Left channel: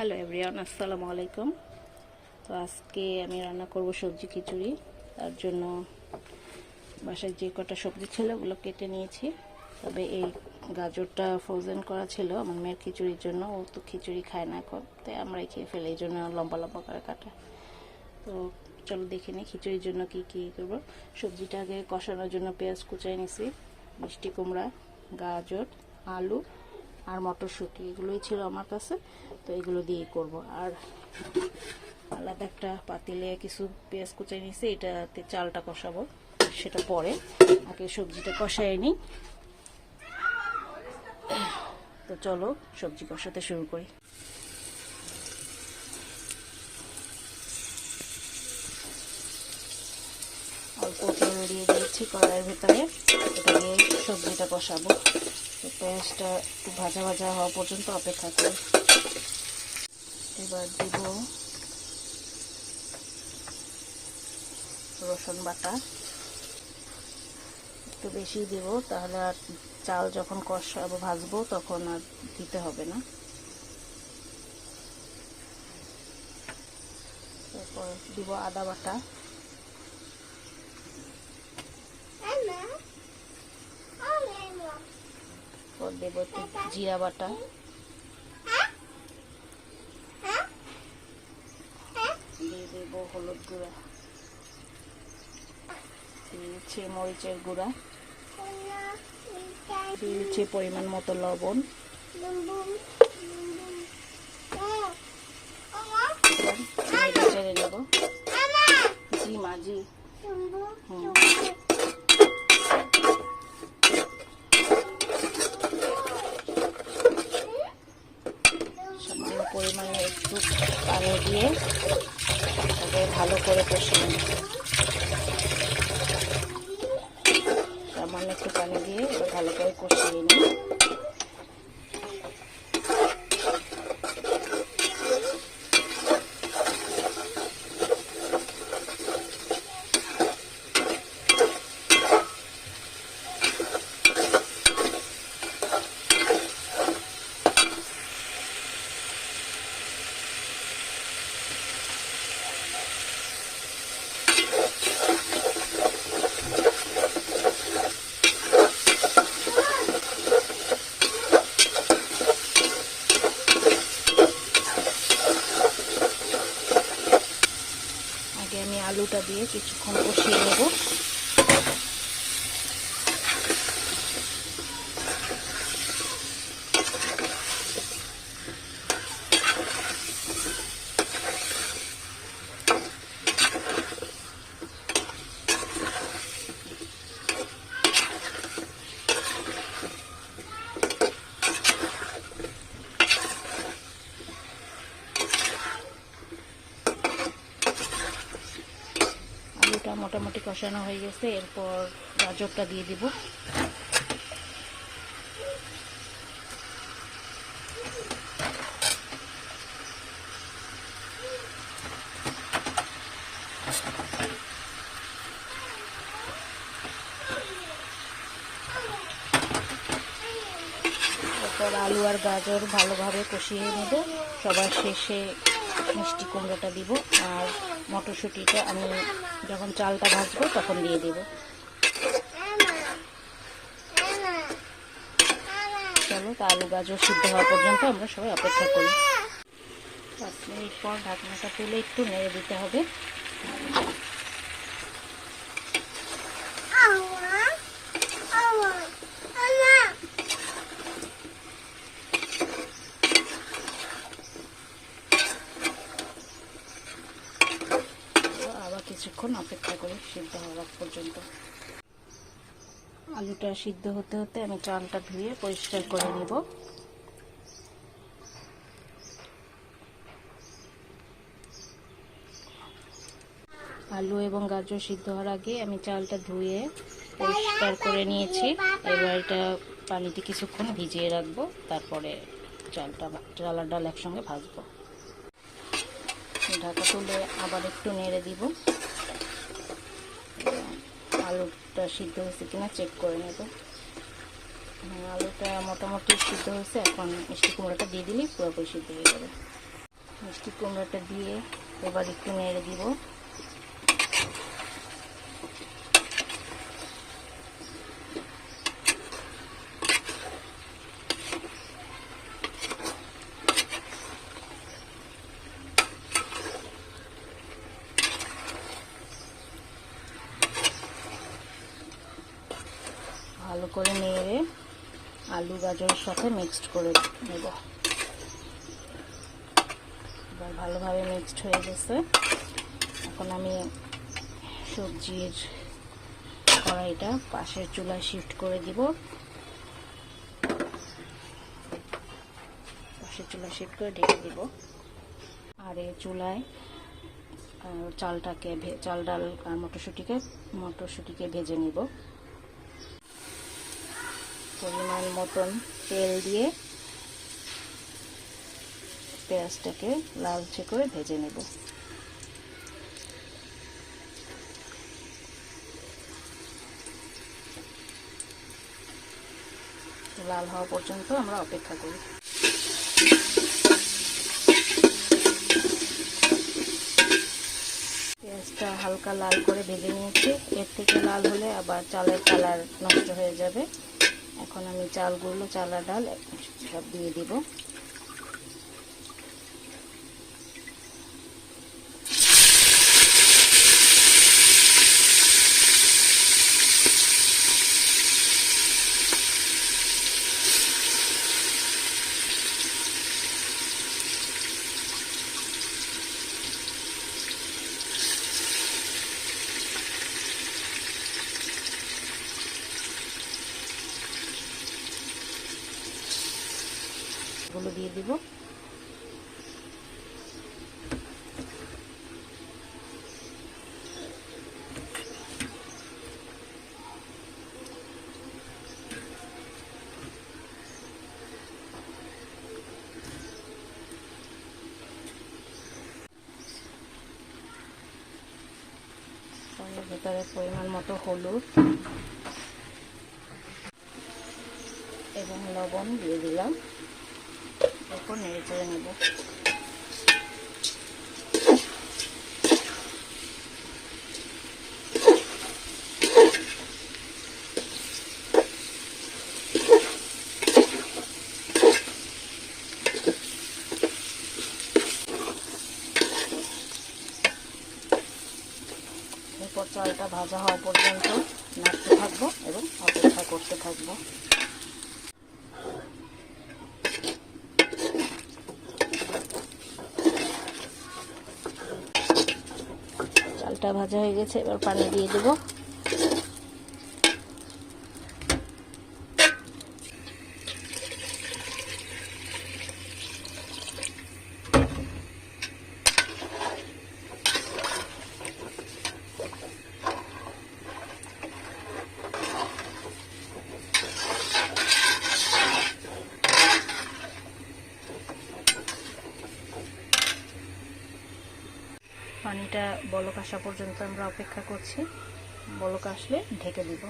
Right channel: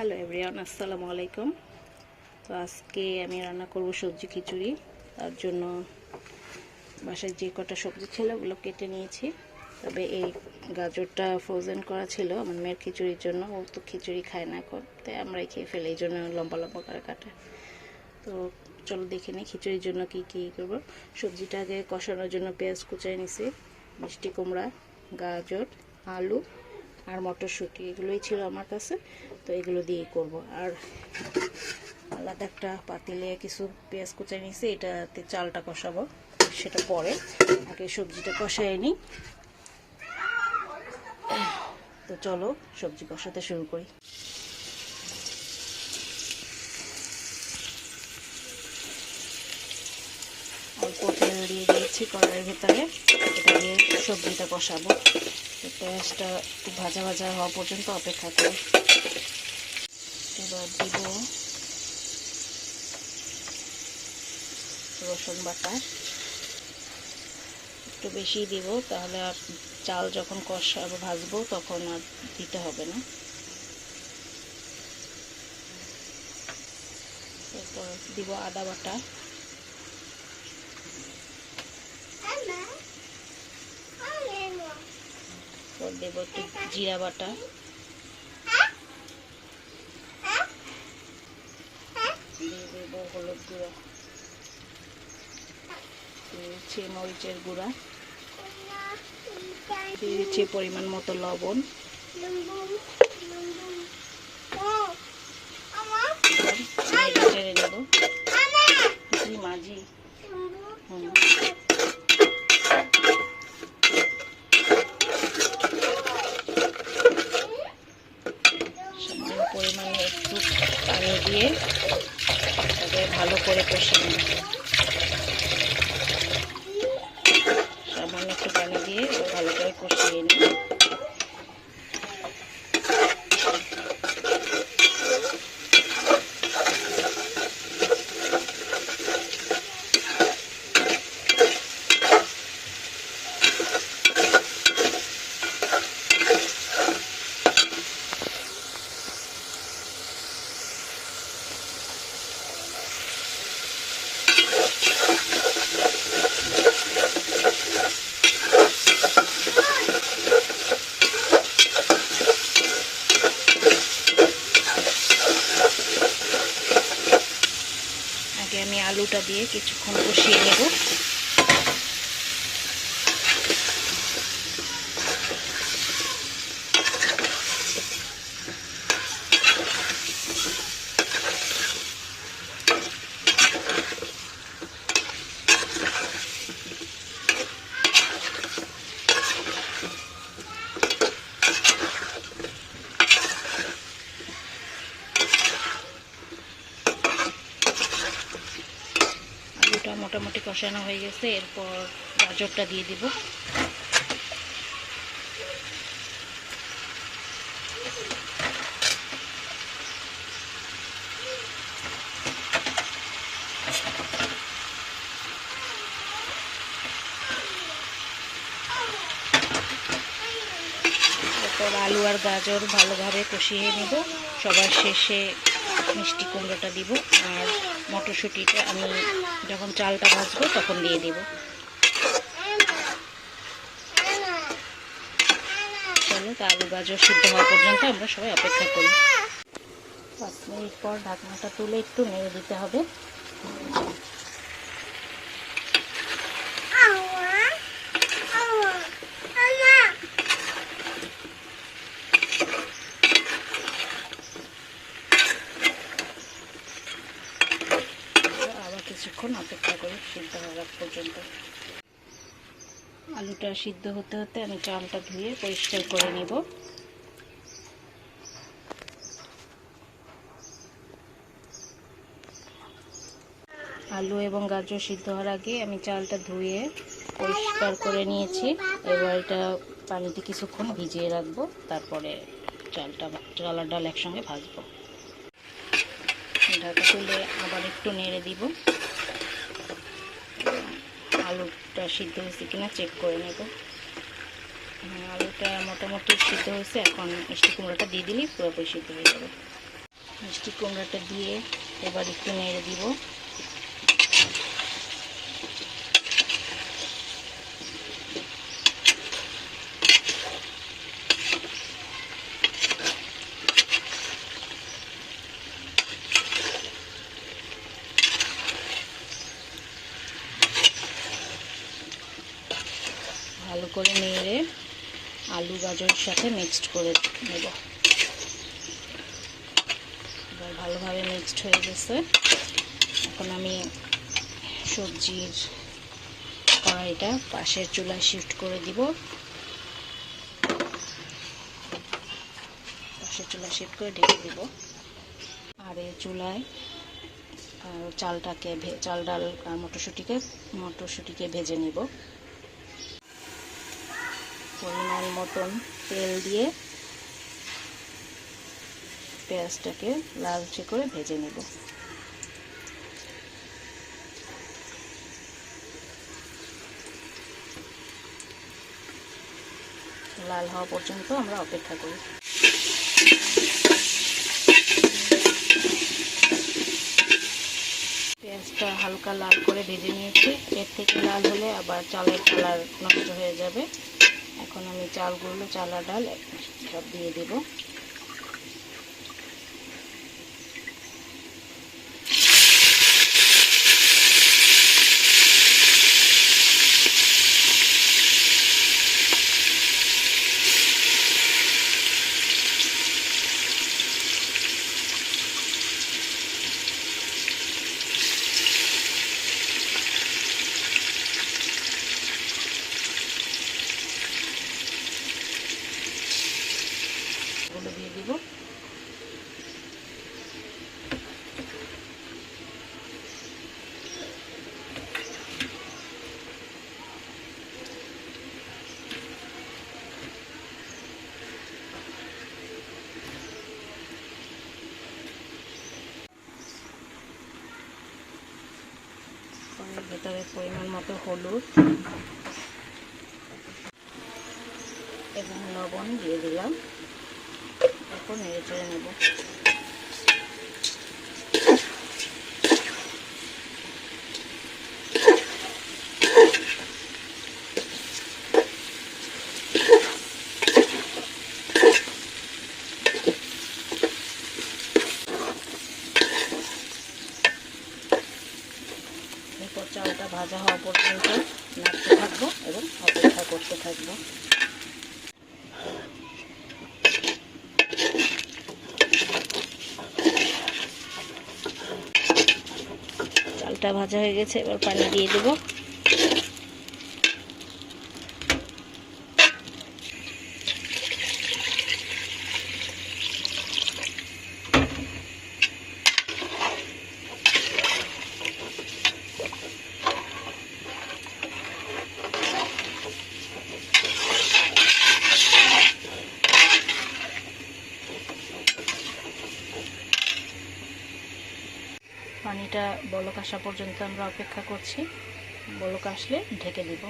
Hello everyone, আসসালামু আলাইকুম। তো আজকে আমি রান্না করব সবজি খিচুড়ি। তার জন্য বাসায় যে কটা সবজি ছিল ওগুলো কেটে নিয়েছি। তবে এই গাজরটা ফ্রোজেন করা ছিল আমার মেয়ের খিচুড়ির জন্য। ও তো খিচুড়ি খায় না এখন, তাই আমরাই খেয়ে ফেলি, এই জন্য লম্বা লম্বা করে কাটা। তো চলো দেখে নিই খিচুড়ির জন্য কি কি করব। সবজিটা আগে কষানোর জন্য পেঁয়াজ কুচাই নিছি, মিষ্টি কুমড়া, গাজর, আলু আর মটরশুঁটি, এগুলোই ছিল আমার কাছে। তো এগুলো দিয়েই করব। আর আলাদা একটা পাতিলে কিছু পেঁয়াজ কুচাই নিছি, এটাতে চালটা কষাবো, সেটা পরে। আগে সবজিটা কষাই নিই। তো চলো সবজি কষাতে শুরু করি। অল্প তেল দিয়ে দিয়েছি কড়াইয়ের ভেতরে, এটা দিয়ে সবজিটা কষাবো। পেঁয়াজটা একটু ভাজা ভাজা হওয়া পর্যন্ত অপেক্ষা করি। এবার দিব রসুন বাটা, একটু বেশি দিব, তাহলে আর চাল যখন কষাবো ভাজবো তখন আর দিতে হবে না। এরপর দিব আদা বাটা, এরপর দেব একটু জিরা বাটা, দিয়ে দেব হলুদ গুঁড়া, দিয়ে দিচ্ছি মরিচের গুঁড়া, দিয়ে দিচ্ছি পরিমাণ মতো লবণ। নেড়ে চেড়ে নেব। মাঝি সামান্য পরিমাণে একটু পানি দিয়ে তাকে ভালো করে কষিয়ে নেব। সামান্য একটু পানি দিয়ে ভালো করে কষিয়ে নিই। আগে আমি আলুটা দিয়ে কিছুক্ষণ কষিয়ে নেব। আলুটা মোটামুটি কষানো হয়ে গেছে, এরপর গাজরটা দিয়ে দিব। এরপর আলু আর গাজর ভালোভাবে কষিয়ে নেব। সবার শেষে মিষ্টি কুমড়োটা দিব, আর মটরশুঁটিটা আমি যখন চালটা ভাজবো তখন দিয়ে দিব। চলো তা আলু গাজর সিদ্ধ হওয়া পর্যন্ত আমরা সবাই অপেক্ষা করি। 5 মিনিট পর ঢাকনাটা তুলে একটু নেড়ে দিতে হবে। আবার কিছুক্ষণ অপেক্ষা করি সিদ্ধ হওয়ার পর্যন্ত। আলুটা সিদ্ধ হতে হতে আমি চালটা ধুয়ে পরিষ্কার করে নিব। আলু এবং গাজর সিদ্ধ হওয়ার আগে আমি চালটা ধুয়ে পরিষ্কার করে নিয়েছি। এবার এটা পানিতে কিছুক্ষণ ভিজিয়ে রাখবো, তারপরে চাল আর ডাল একসঙ্গে ভাজবো। ঢাকা তুলে আবার একটু নেড়ে দিব। আলুটা সিদ্ধ হয়েছে কিনা চেক করে নেব। আলুটা মোটামুটি সিদ্ধ হয়েছে, এখন মিষ্টি কুমড়োটা দিয়ে দিলেই পুরোপুরি সিদ্ধ হয়ে যাবে। মিষ্টি কুমড়াটা দিয়ে এবার একটু নেড়ে দিব। ভালো করে নেড়ে আলু গাজরের সাথে মিক্সড করে নেব। এবার ভালোভাবে মিক্সড হয়ে গেছে। এখন আমি সবজির কড়াইটা পাশের চুলায় শিফট করে দিব। পাশের চুলায় শিফট করে ঢেকে দিব। আর এই চুলায় চাল ডাল আর মটরশুঁটিকে ভেজে নিব। পরিমাণ মতন তেল দিয়ে পেঁয়াজটাকে লালচে করে ভেজে নেব। লাল হওয়া পর্যন্ত আমরা অপেক্ষা করি। পেঁয়াজটা হালকা লাল করে ভেজে নিয়েছি। এর থেকে লাল হলে আবার চালের কালার নষ্ট হয়ে যাবে। এখন আমি চাল আর ডাল সব দিয়ে দেব। এগুলো দিয়ে দিব। এর ভেতরে পরিমাণ মতো হলুদ এবং লবণ দিয়ে দিলাম। এরপর নেড়ে চেড়ে নেব। এরপর চালটা ভাজা হওয়া পর্যন্ত নাড়তে থাকবো এবং অপেক্ষা করতে থাকবো। চালটা ভাজা হয়ে গেছে, এবার পানি দিয়ে দেব। পানিটা বলক আসা পর্যন্ত আমরা অপেক্ষা করছি। বলক আসলে ঢেকে দিব।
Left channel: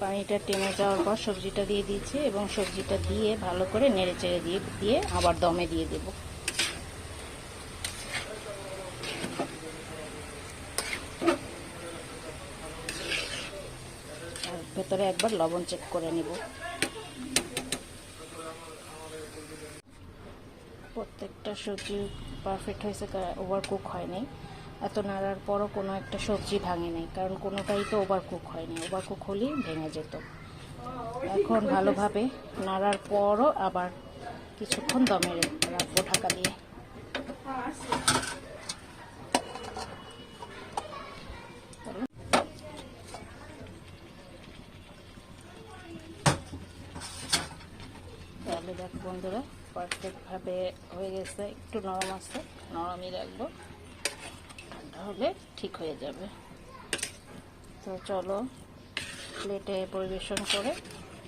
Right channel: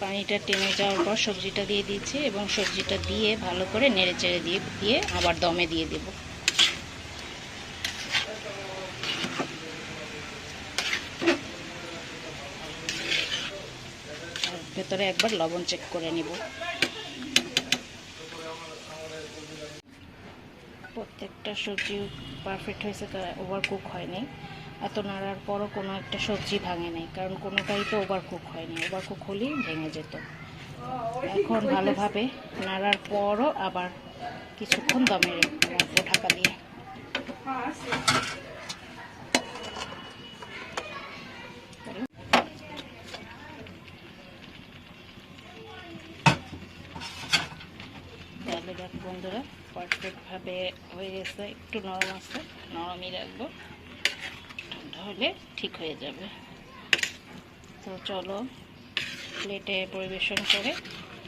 পানিটা টেনে যাওয়ার পর সবজিটা দিয়ে দিয়েছি এবং সবজিটা দিয়ে ভালো করে নেড়ে চেড়ে দিয়ে আবার দমে দিয়ে দেব। আর ভেতরে একবার লবণ চেক করে নেব। প্রত্যেকটা সবজি পারফেক্ট হয়েছে, ওভার কুক হয়নি। এত নাড়ার পরও কোনো একটা সবজি ভাঙে নাই, কারণ কোনোটাই তো ওভার কুক হয়নি। ওভার কুক হলেই ভেঙে যেত। এখন ভালোভাবে নাড়ার পরও আবার কিছুক্ষণ দমে রাখবো ঢাকা দিয়ে। তাহলে দেখো বন্ধুরা, পারফেক্টভাবে হয়ে গেছে। একটু নরম আছে, নরমই রাখবো, ঠান্ডা হলে ঠিক হয়ে যাবে। তো চলো প্লেটে পরিবেশন করে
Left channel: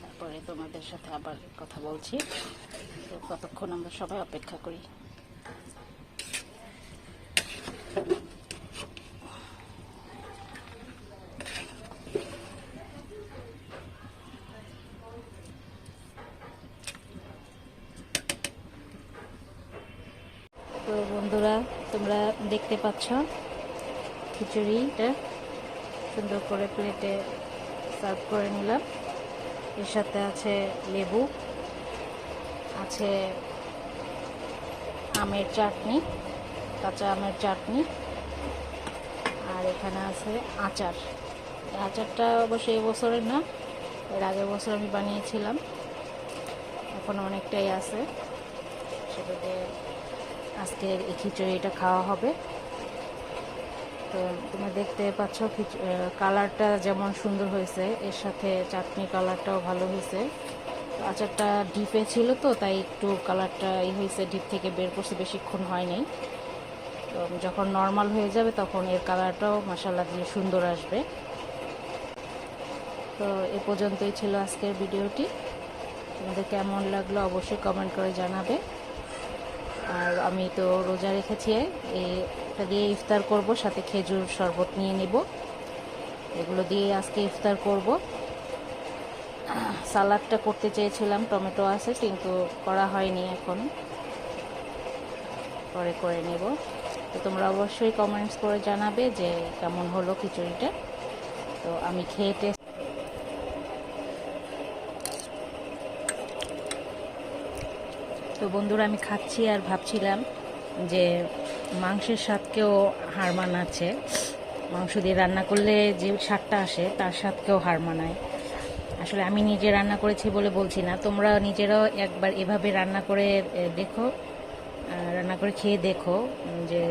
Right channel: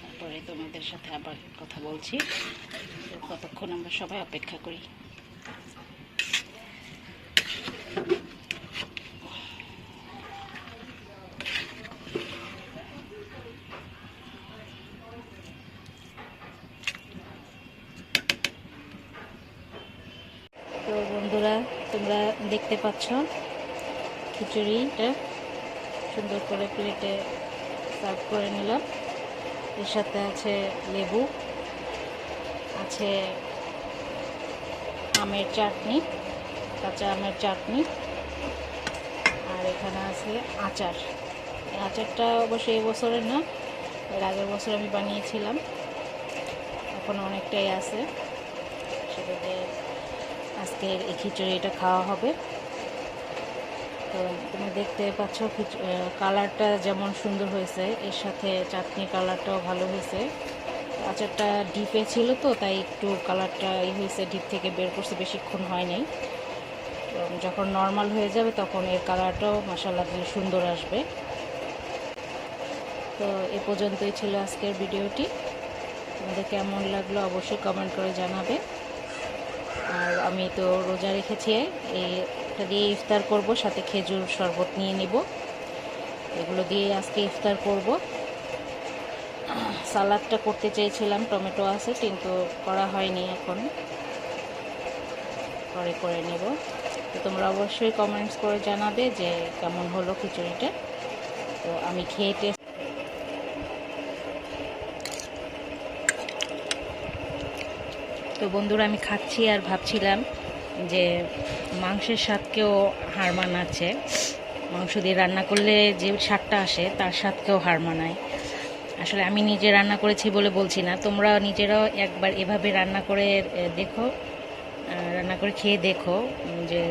তারপরে তোমাদের সাথে আবার কথা বলছি। তো ততক্ষণ আমরা সবাই অপেক্ষা করি। তো বন্ধুরা, তোমরা দেখতে পাচ্ছ খিচুড়িটা সুন্দর করে প্লেটে সার্ভ করে নিলাম। এর সাথে আছে লেবু, আছে আমের চাটনি, কাঁচা আমের চাটনি, আর এখানে আছে আচার। আচারটা অবশ্যই এই বছরের না, এর আগের বছর আমি বানিয়েছিলাম, এখন অনেকটাই আছে। সেটাতে আজকের এই খিচুড়িটা খাওয়া হবে। তো তুমি দেখতে পাচ্ছ কালারটা যেমন সুন্দর হয়েছে, এর সাথে চাটনি কালারটাও ভালো হয়েছে। আচারটা ডিপে ছিল তো তাই একটু কালারটা হয়েছে, ডিপ থেকে বের করছে, বেশিক্ষণ হয় নাই। তো যখন নর্মাল হয়ে যাবে তখন এর কালারটাও মাশাআল্লাহ দিয়ে সুন্দর আসবে। তো এ পর্যন্তই ছিল আজকের ভিডিওটি। তোমাদের কেমন লাগলো অবশ্যই কমেন্ট করে জানাবে। আর আমি তো রোজা রেখেছি, এটা দিয়ে ইফতার করব, সাথে খেজুর শরবত নিয়ে নেব। এগুলো দিয়ে আজকে ইফতার করব। সালাদটা করতে চেয়েছিলাম, টমেটো আছে কিন্তু করা হয়নি, এখন পরে করে নেব। তো তোমরা অবশ্যই কমেন্টস করে জানাবে যে কেমন হলো খিচুড়িটা। তো আমি খেয়ে তো বন্ধুরা, আমি খাচ্ছি আর ভাবছিলাম যে মাংসের স্বাদকেও হার মানাচ্ছে। মাংস দিয়ে রান্না করলে যে স্বাদটা আসে তার স্বাদকেও হার মানায়। আসলে আমি নিজে রান্না করেছি বলে বলছি না, তোমরা নিজেরাও একবার এভাবে রান্না করে দেখো, রান্না করে খেয়ে দেখো, যে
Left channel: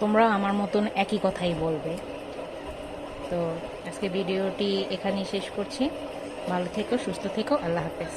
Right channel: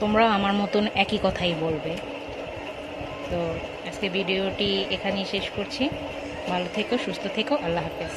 তোমরাও আমার মতন একই কথাই বলবে। তো আজকে ভিডিওটি এখানেই শেষ করছি। ভালো থেকো, সুস্থ থেকো, আল্লাহ হাফেজ।